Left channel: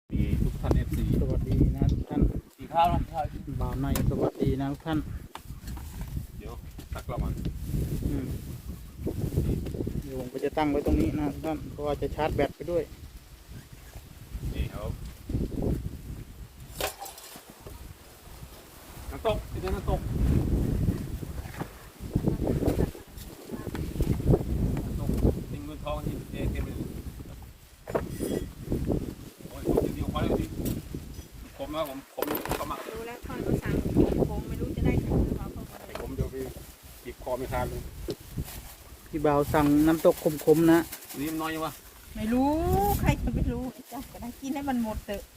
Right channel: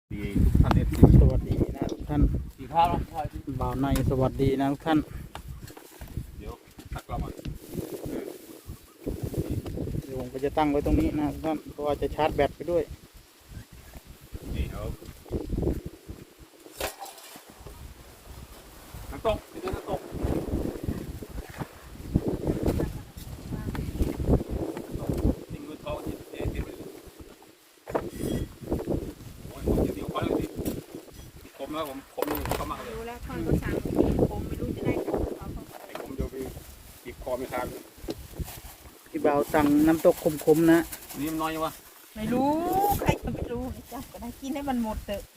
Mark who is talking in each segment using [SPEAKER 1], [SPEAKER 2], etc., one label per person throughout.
[SPEAKER 1] ดีทุกท่านเอฟซี
[SPEAKER 2] สวัสดีนะทุกท่าน
[SPEAKER 1] กี่ข้าวแล้วข้าว
[SPEAKER 2] บ่าวในสวัสดีนะทุกท่าน
[SPEAKER 1] เดี๋ยวตักกลับมา
[SPEAKER 2] เดี๋ยวผมก็จะตั้งไว้ตรงนี้นะทุกท่านเพราะว่าจะชาร์จแบตไปด้วย
[SPEAKER 1] นี่ครับน้ำตกที่เดินน้ำตกกินเงินทองที่เจ๊เก็บเลยโอ้ยจริงๆเขาเลยผมนะผมเขาหมักเลย
[SPEAKER 3] รู้แล้วค่อยก็สั่งผมไม่รู้จะได้ผมหรือเปล่าเขาก็เลย
[SPEAKER 1] ผมเดี๋ยวไปจีบคอไม่ค้างเลย
[SPEAKER 2] พี่บ่าวสั่งน้ำตกขมๆนะ
[SPEAKER 1] นี่มันน้อยยังวะ
[SPEAKER 3] ไม่รู้ใครจะไม่รู้จ้ะก็ต้องกินให้มันหมดเถอะ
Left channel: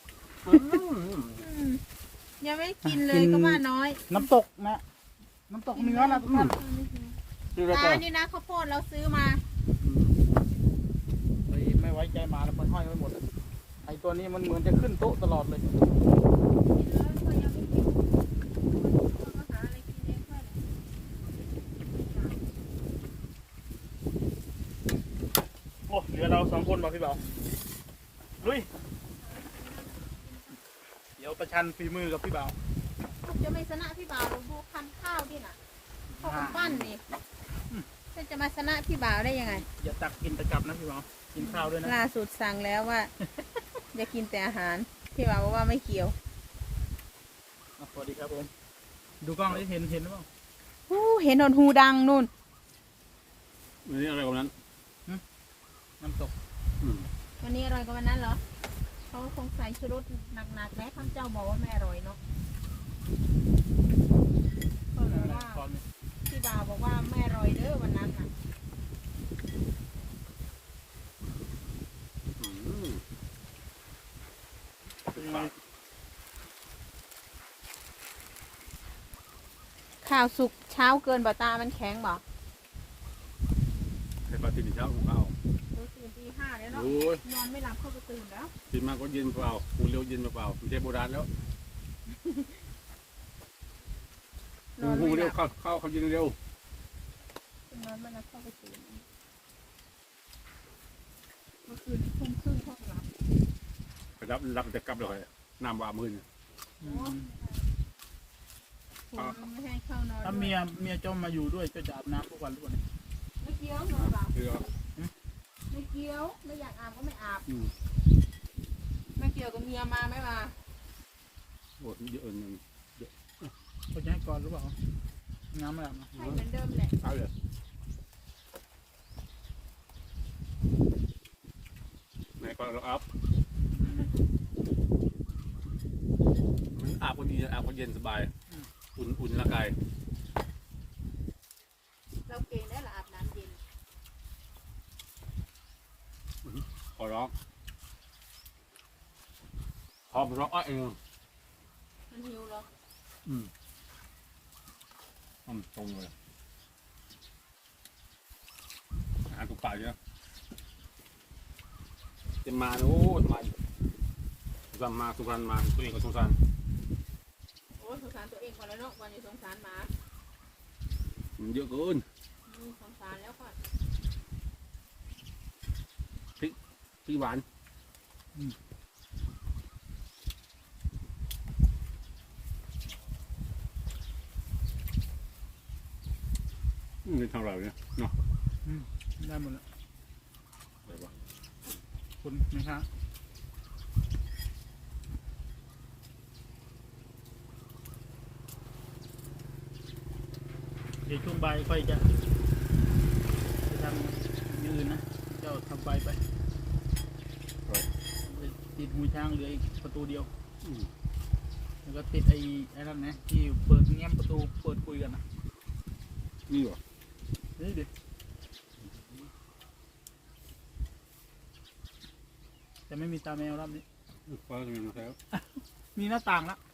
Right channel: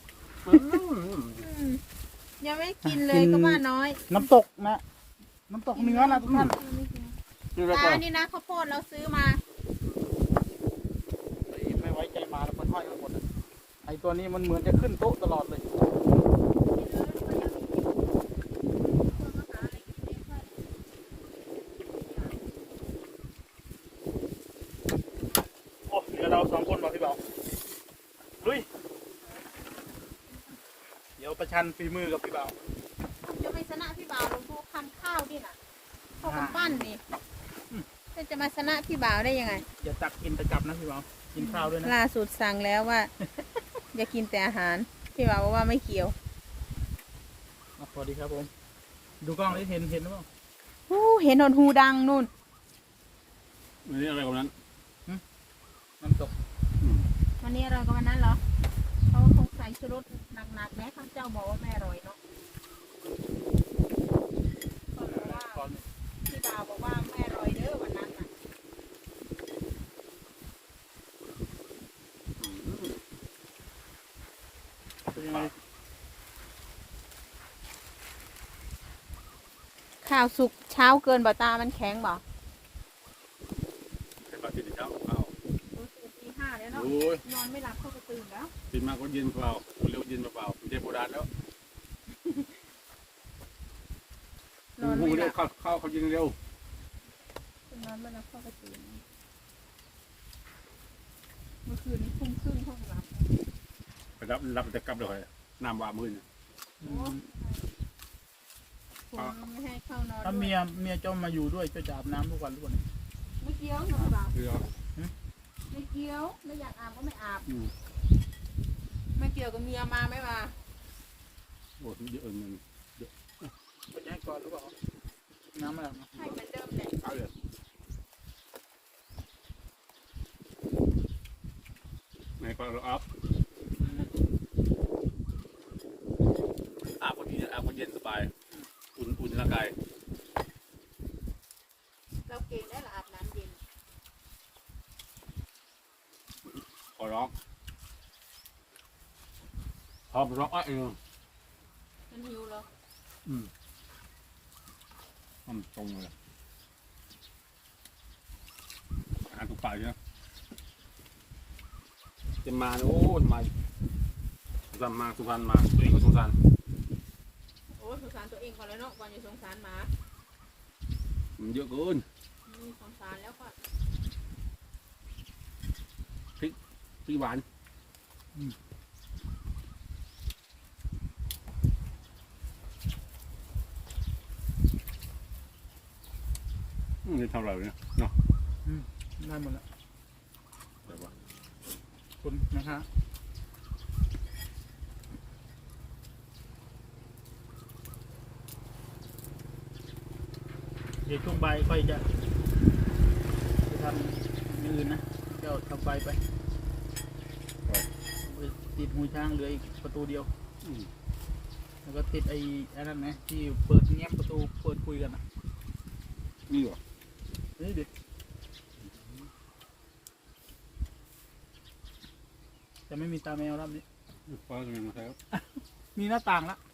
[SPEAKER 3] ยังไม่กินเลยก็ว่าน้อย
[SPEAKER 2] น้ำตกนะน้ำตกเนื้อนะทุกท่าน
[SPEAKER 1] นี่แล้วก็
[SPEAKER 3] ตานี่นะข้าวโพดเราซื้อมา
[SPEAKER 2] ไม่ไว้ใจมาแล้วมันห้อยไปหมดไอ้ตัวนี้มันเหมือนจะขึ้นโต๊ะตลอดเลยโอ้เหลือเราสองคนบอกพี่บ่าวลุยเดี๋ยวประชันฝีมือกับพี่บ่าว
[SPEAKER 3] จะไม่ชนะพี่บ่าวลงพวกคันข้าวพี่น่ะพวกปั้นนี่จะมาชนะพี่บ่าวได้ยังไง
[SPEAKER 2] อย่าตักกินตะกลับนะพี่บ่าวกินข้าวด้วยนะ
[SPEAKER 3] ล่าสุดสั่งแล้วว่าจะกินแต่อาหารพี่บ่าวบอกว่าไม่เกี่ยว
[SPEAKER 2] สวัสดีครับผมดูกล้องได้เห็นหรือเปล่า
[SPEAKER 3] เห็นหนอนหูดังนู่น
[SPEAKER 1] นี่อะไรของนั้น
[SPEAKER 2] น้ำตก
[SPEAKER 3] วันนี้อร่อยกว่าวันนั้นเหรอเขาคงใส่ชูรสหนักๆนะข้าเจ้าบอกว่าไม่อร่อยเนาะพี่บ่าวบอกว่าไม่อร่อยเด้อวันนั้นน่ะข้าวสุกเช้าเกินบ่ตามันแข็งบ่
[SPEAKER 1] ใครมาตื่นเช้าเปล่า
[SPEAKER 3] ตื่นตีห้าแล้วเนาะ
[SPEAKER 1] โอ้ย
[SPEAKER 3] นอนไม่หลับเขาก็ตื่นแล้ว
[SPEAKER 1] ตื่นมาก็เย็นเปล่าปูเร็วเย็นเปล่ามันเทโบราณแล้ว
[SPEAKER 3] นอน
[SPEAKER 1] ปู
[SPEAKER 3] ไม่ห
[SPEAKER 1] เร็
[SPEAKER 3] ลั
[SPEAKER 1] ว
[SPEAKER 3] บ
[SPEAKER 1] เข้าเขาเย็นเร็วน
[SPEAKER 3] อนไม่หลับเขาก็ตื่นเมื่อคืนนี้ทุ่มครึ่งเขาก็หลับ
[SPEAKER 1] ไปรับจะกลับเลยน้ำว่ามืน
[SPEAKER 3] ผมไม่ให้เข้านอน
[SPEAKER 2] ถ้าเมียเจ้ามาอยู่ด้วยเจ้าจะอาบน้ำทุกวันหรือเปล่าเนี่ย
[SPEAKER 3] ไม่เกี่ยวหรอก
[SPEAKER 1] เรือ
[SPEAKER 3] ไม่เกี่ยวไม่อยากอาบก็ไม่อาบ
[SPEAKER 1] อืม
[SPEAKER 3] ไม่เกี่ยวกับเมียมาไม่มา
[SPEAKER 1] โอ้ยเยอะเงิน
[SPEAKER 2] เขาจะให้ก่อนหรือเปล่าน้ำไม่อาบนะ
[SPEAKER 3] ให้เหมือนเดิมแหละ
[SPEAKER 1] เอาเลยไหนก็เราอัพอาบก็ดีอาบก็เย็นสบายอุ่นร่างกาย
[SPEAKER 3] เราเกณฑ์ได้ละอาบน้ำเย็น
[SPEAKER 1] ขอร้องพร้อมร้องเออ
[SPEAKER 3] มันหิวแล้ว
[SPEAKER 1] ตรงเลยอ่านตุกปากเยอะจะมาโน้นมาสุพรรณมาสุพรรณมาตัวเองก็สงสาร
[SPEAKER 3] โอ้สงสารตัวเองก่อนแล้วเนาะก่อนจะสงสารหมา
[SPEAKER 1] มันเยอะเกิน
[SPEAKER 3] สงสารแล้วก่อน
[SPEAKER 1] พี่หวานนี่เท่าไหร่เนี่ยเนาะ
[SPEAKER 2] ได้หมดแล้ว
[SPEAKER 1] เดี๋ยวว่า
[SPEAKER 2] คุณนะคะเดี๋ยวช่วงบ่ายค่อยจะทำอย่างอื่นนะเจ้าทำไปติดหูช้างเหลืออีกประตูเดียว แล้วก็ติดไอ้นั่นนะที่เปิดแง้มประตูเปิดคุยกันนะ
[SPEAKER 1] นี่เหรอ
[SPEAKER 2] เฮ้ยดิจะไม่มีตาแมวรอบนี้
[SPEAKER 1] ฟ้ากันนะครับ
[SPEAKER 2] มีหน้าต่างละ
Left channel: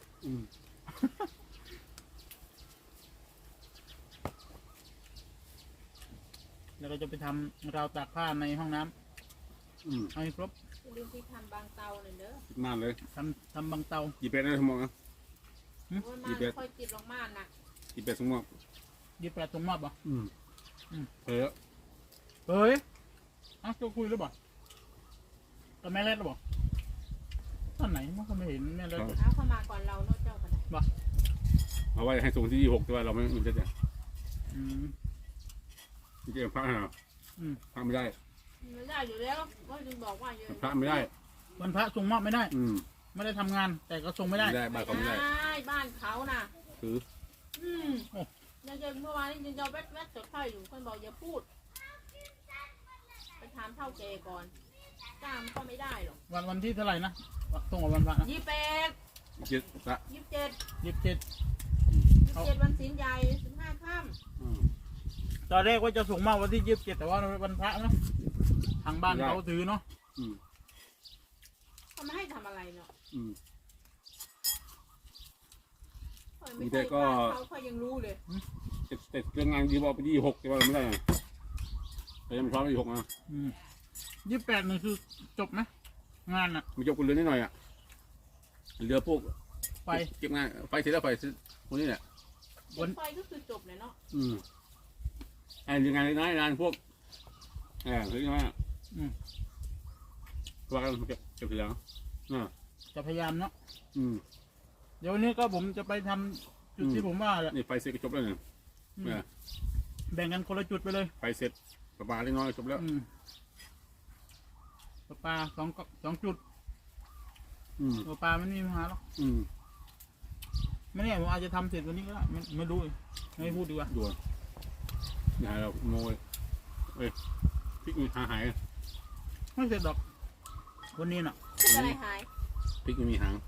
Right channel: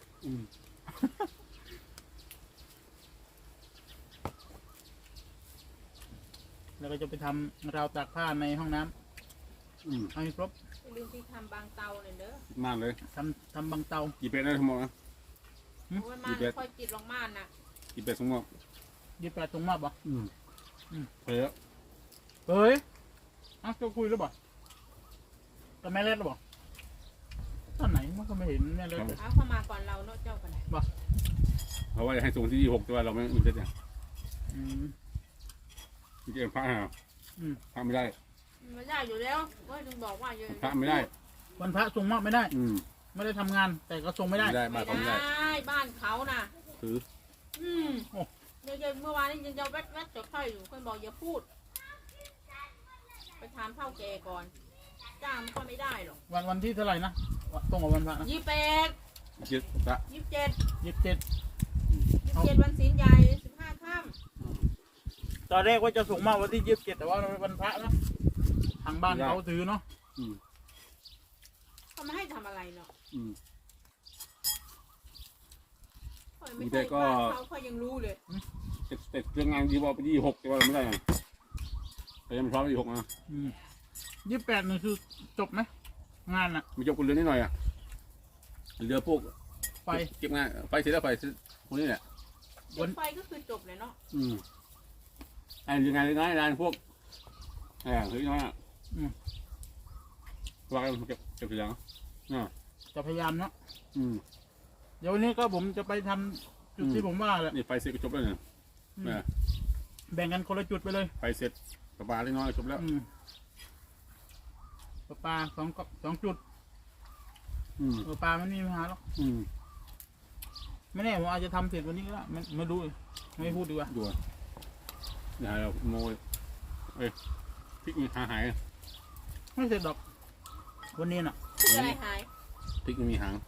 [SPEAKER 2] แล้วก็จะไปทำราวตากผ้าในห้องน้ำเอาให้ครบ
[SPEAKER 3] ลืมที่ทำบางเตาเนี่ยเด้อ
[SPEAKER 1] มากเลย
[SPEAKER 2] ทำบางเตา
[SPEAKER 1] กี่เป็ดได้ทั้งหมดนะ
[SPEAKER 3] โอ้ยมาไม่ค่อยจิตลงม่านนะ
[SPEAKER 1] กี่เป็ดทั้งหมด
[SPEAKER 2] 28 ตรงมอบปะ
[SPEAKER 1] เผื่อ
[SPEAKER 2] เฮ้ยเอ้าจะคุยหรือเปล่ากับแม่เล็ดหรือเปล่าตอนไหนมันก็ไม่เห็นแม่เลย
[SPEAKER 3] เอาเข้ามาก่อนเราเนาะเจ้ากันไหน
[SPEAKER 1] เพราะว่าให้ส่งที่26แต่ว่าเราไม่ได้เนี่ย
[SPEAKER 2] อืม
[SPEAKER 1] จริงๆพระฮะ
[SPEAKER 2] อืม
[SPEAKER 1] พระไม่ได้
[SPEAKER 3] ไม่ได้อยู่แล้วก็จึงบอกว่าอย่า
[SPEAKER 1] พระไม่ได้
[SPEAKER 2] วันพระส่งมากไม่ได้
[SPEAKER 1] อืม
[SPEAKER 2] ไม่ได้ทำงาน แต่ก็ส่งไม่ได้
[SPEAKER 1] ไม่ได้บ้านเขาไม่ได้
[SPEAKER 3] บ้านเขาน่ะ
[SPEAKER 1] คือ
[SPEAKER 2] โอ้
[SPEAKER 3] เดี๋ยวเมื่อวานนี้ยังจะแวดจดค่อยอยู่คนบอกอย่าพูดไปถามเท่าแกก่อนจ้างมันก็ไม่ได้หรอก
[SPEAKER 2] วันที่เท่าไหร่นะตรงกับวันพระนะ
[SPEAKER 3] 28
[SPEAKER 1] คิดพระ
[SPEAKER 3] 27
[SPEAKER 2] 27
[SPEAKER 3] วันศีลใหญ่15 ค่ำ
[SPEAKER 1] อืม
[SPEAKER 2] ตอนแรกว่าจะส่งมาวันที่27แต่ว่าวันพระนะทางบ้านเขาถือเนาะ
[SPEAKER 1] อืม
[SPEAKER 3] เขาไม่ให้ทำอะไรเนาะ
[SPEAKER 1] อืม
[SPEAKER 3] ไม่ใช่เขายังรู้เลย
[SPEAKER 1] เสร็จเรื่องงานที่บอกไป26แต่ว่าเราไม่ได้ไงแต่ยังไม่พร้อม26นะ
[SPEAKER 2] 28นี่คือจบไหมงานอ่ะ
[SPEAKER 1] มีจบคนเรือนิดหน่อยอ่ะเรือพวก
[SPEAKER 2] ไฟ
[SPEAKER 1] เก็บงานไฟเสร็จแล้วไฟพวกนี้แหละ
[SPEAKER 3] เด็กไฟก็คือจบเลยเนาะ
[SPEAKER 1] อืมไอ้เรื่องงานน้อยงานพวกเรื่องน้อยว่ากันเก็บเสียง
[SPEAKER 2] จะพยายามเนาะ
[SPEAKER 1] อืม
[SPEAKER 2] เดี๋ยววันนี้ก็ผมจะไปทำจุดที่ผมว่าแหละ
[SPEAKER 1] นี่ไฟเสร็จก็จบแล้วเนี่ย
[SPEAKER 2] แบ่งกันคนละจุดไปเลย
[SPEAKER 1] ไฟเสร็จประมาณเล็กน้อยจบแล้ว
[SPEAKER 2] ปลาสองจุด
[SPEAKER 1] อืม
[SPEAKER 2] ปลาไม่มีปัญหาหรอก
[SPEAKER 1] อืม
[SPEAKER 2] ไม่แน่ผมอาจจะทำเสร็จวันนี้ก็ได้ไม่รู้ไม่พูดดีกว่า
[SPEAKER 1] ด่วนอย่าเราโมยพริกหาย
[SPEAKER 2] ไม่เสร็จดอกวันนี้น่ะ
[SPEAKER 3] คืออะไรหาย
[SPEAKER 1] พริกไม่มีหาง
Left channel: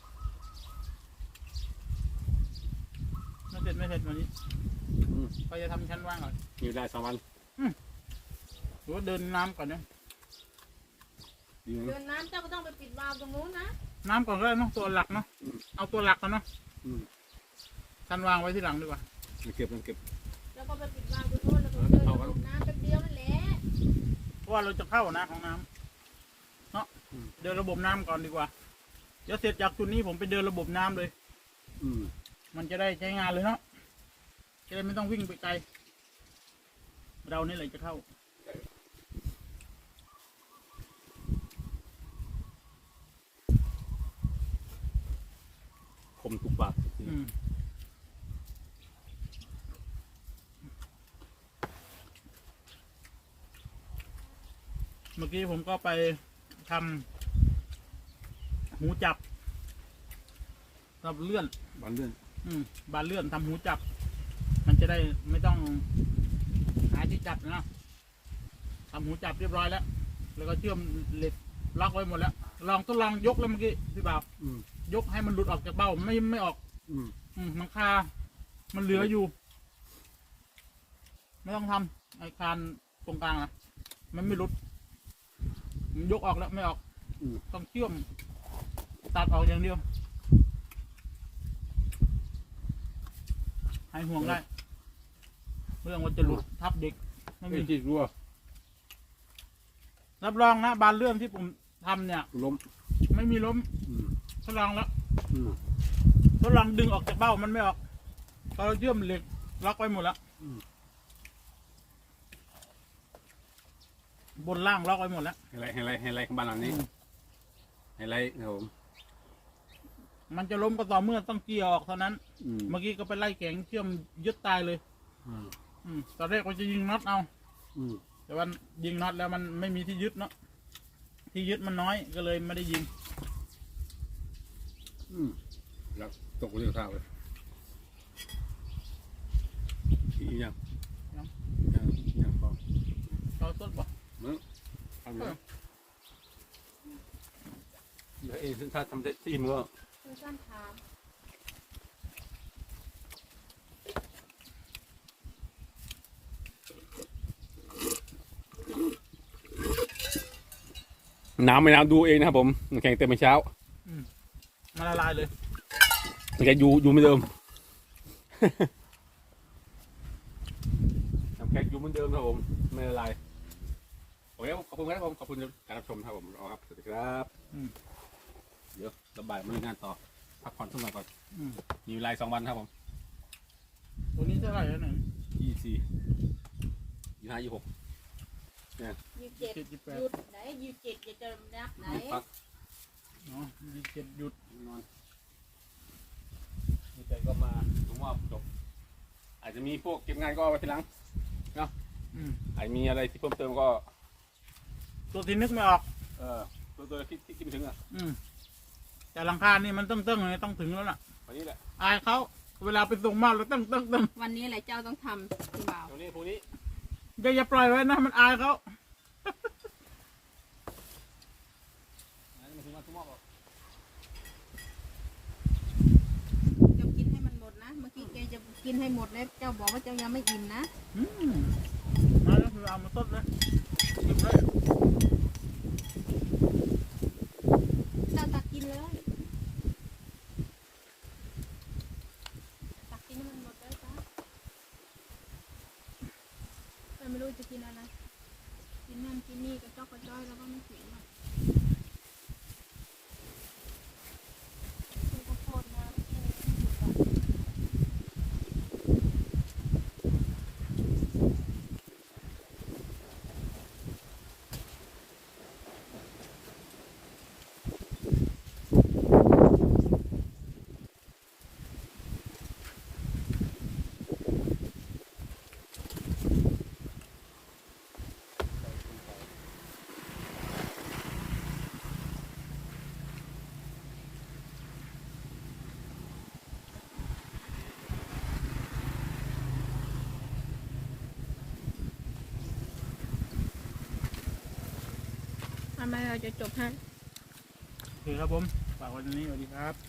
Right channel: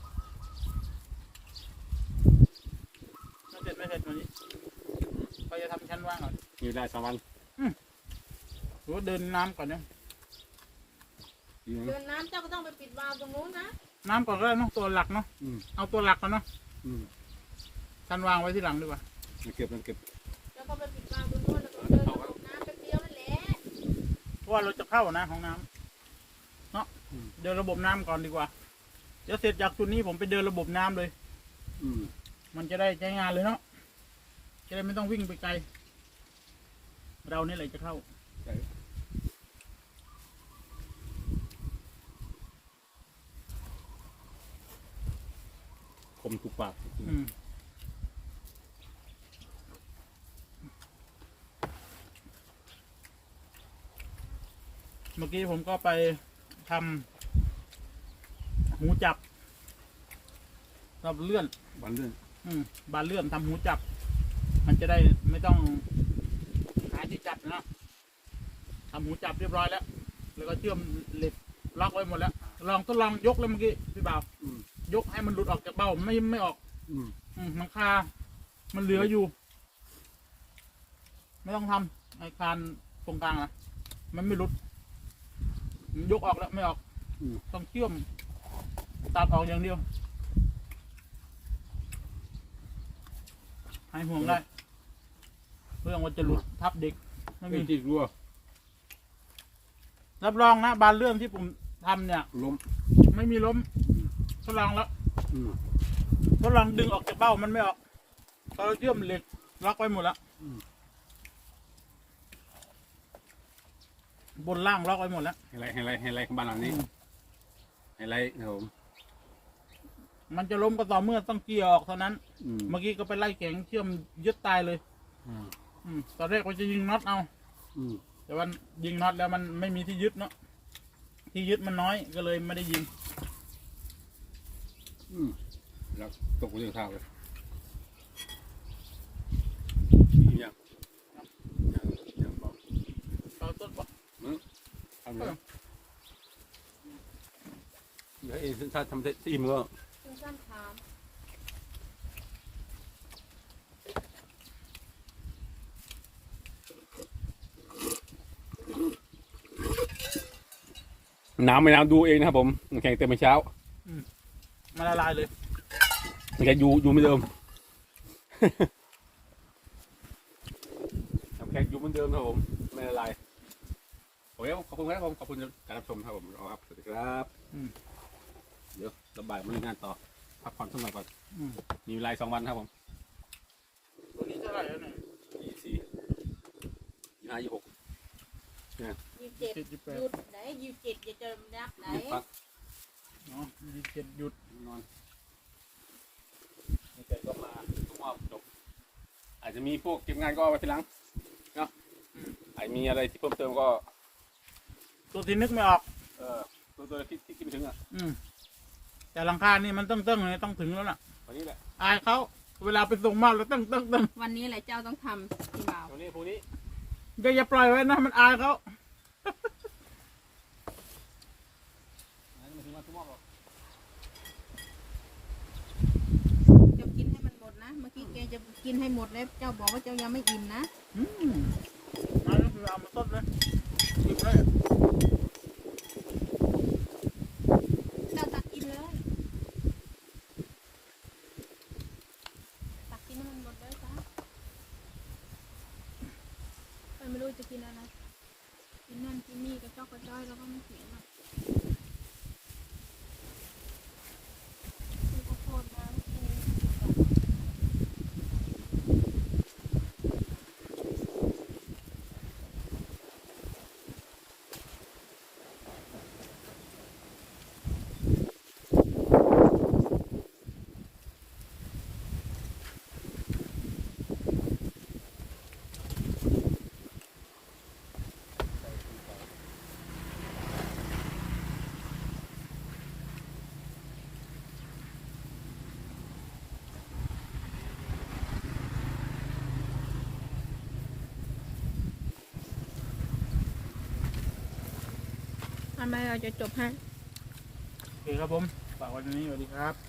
[SPEAKER 2] ไม่เสร็จวันนี้ก็จะทำชั้นว่างก่อน
[SPEAKER 1] มีได้3 วัน
[SPEAKER 2] หรือว่าเดินน้ำก่อนนะ
[SPEAKER 1] ดีนะ
[SPEAKER 3] เดินน้ำเจ้าก็ต้องไปปิดวาล์วตรงนู้นนะ
[SPEAKER 2] น้ำก่อนก็ได้เนาะตัวหลักเนาะเอาตัวหลักก่อนเนาะ
[SPEAKER 1] อืม
[SPEAKER 2] ชั้นวางไว้ที่หลังดีกว่า
[SPEAKER 1] เก็บ
[SPEAKER 3] แล้วก็ไปปิดวาล์วตรงนู้นแล้วก็เดินลงน้ำไปเดียวนั่นแหละ
[SPEAKER 2] เพราะว่าเราจะเข้านะของน้ำเนาะเดินระบบน้ำก่อนดีกว่าเดี๋ยวเสร็จจากจุดนี้ผมไปเดินระบบน้ำเลย
[SPEAKER 1] อืม
[SPEAKER 2] มันจะได้ใช้งานเลยเนาะจะได้ไม่ต้องวิ่งไปไกลเรานี่แหละจะเข้า
[SPEAKER 1] คมทุกปาก
[SPEAKER 2] เมื่อกี้ผมก็ไปทำหูจับกับเลื่อน
[SPEAKER 1] บันเลื่อน
[SPEAKER 2] บานเลื่อนทำหูจับ มันจะได้ไม่ต้องหาที่จับนะทำหูจับเรียบร้อยแล้ว แล้วก็เชื่อมเหล็กล็อกไว้หมดแล้วทดลองยกแล้วเมื่อกี้พี่บ่าวยกให้มันหลุดออกจากเบ้าไม่ออกมันคามันเหลืออยู่ ไม่ต้องทำไอ้คานตรงกลางนะมันไม่หลุดมันยกออกแล้วไม่ออกต้องเชื่อมตัดออกอย่างเดียวให้ห่วงได้เรื่องว่าจะหลุดทับเด็กไม่มี
[SPEAKER 1] จิกรัว
[SPEAKER 2] รับรองนะบานเลื่อนที่ผมทำเนี่ย
[SPEAKER 1] ล้ม
[SPEAKER 2] ไม่มีล้มทดลองแล้ว
[SPEAKER 1] อืม
[SPEAKER 2] ทดลองดึงออกจากเบ้ามันไม่ออกตอนเชื่อมเหล็กล็อกไว้หมดแล้วบนล่างล็อกไว้หมดแล้ว
[SPEAKER 1] ไฮไลท์ของบ้านหลังนี้ไฮไลท์ครับผม
[SPEAKER 2] มันจะล้มก็ต่อเมื่อต้องเกี่ยวออกเท่านั้น เมื่อกี้ก็ไปไล่แข็งเชื่อมยึดตายเลยตอนแรกว่าจะยิงน็อตเอาแต่ว่ายิงน็อตแล้วมันไม่มีที่ยึดเนาะที่ยึดมันน้อยก็เลยไม่ได้ยิง
[SPEAKER 1] แล้วตกเรื่องเท้าเลยอีกอย่างพอ
[SPEAKER 2] เราต้นปะ
[SPEAKER 1] ทำเลยเดี๋ยวเองถ้าทำได้4 มื้อ
[SPEAKER 3] คุณจ้ามถาม
[SPEAKER 1] น้ำไม่น้ำดูเองนะครับผมแข่งเต็มเช้า
[SPEAKER 2] มาละลายเลย
[SPEAKER 1] มันแค่อยู่ไม่เดิมน้ำแข็งอยู่เหมือนเดิมครับผมไม่ละลายโอเคขอบคุณครับผมขอบคุณการรับชมครับผมรอครับสวัสดีครับเดี๋ยวระบายมาเล่นงานต่อพักผ่อนสักหน่อยก่อนมีเวลา2 วันครับผม
[SPEAKER 2] ตัวนี้เท่าไหร่แล้วเนี่ย
[SPEAKER 1] 24 25 26
[SPEAKER 3] 27หยุดไหน27อย่าจะนับไหน
[SPEAKER 1] พัก
[SPEAKER 2] เนาะ27หยุด
[SPEAKER 1] นอนมีใจก็มาถึงว่าจบ อาจจะมีพวกเก็บงานก็เอาไปทีหลังเนาะ
[SPEAKER 2] อืม
[SPEAKER 1] อาจมีอะไรที่เพิ่มเติมก็
[SPEAKER 2] ตัวที่นึกไม่ออก
[SPEAKER 1] ตัวที่คิดไม่ถึงอ่ะ
[SPEAKER 2] แต่หลังคานี่มันต้องไงต้องถึงแล้วล่ะ
[SPEAKER 1] วันนี้แหละ
[SPEAKER 2] อายเขาเวลาไปส่งมากแล้วต้อง
[SPEAKER 3] วันนี้แหละเจ้าต้องทำพี่บ่าว
[SPEAKER 1] วันนี้พรุ่งนี้
[SPEAKER 2] อย่าปล่อยไว้นะมันอายเขา
[SPEAKER 3] เจ้ากินให้มันหมดนะเมื่อกี้แกจะกินให้หมดแล้วเจ้าบอกว่าเจ้ายังไม่อิ่มนะ
[SPEAKER 2] มาแล้วคือเอามาต้นเลยหยิบเลย
[SPEAKER 3] เจ้าตักกินเลยตักกินให้มันหมดเลยจ้ะไม่รู้จะกินอะไรกินนั่นกินนี่กระจอกกระจ้อยแล้วก็ไม่หิวอ่ะคุณขอโทษนะคุณหิวอ่ะ ทำไมเราจะจบให้
[SPEAKER 2] โอเคครับผมฝากไว้ตรงนี้สวัสดีครับ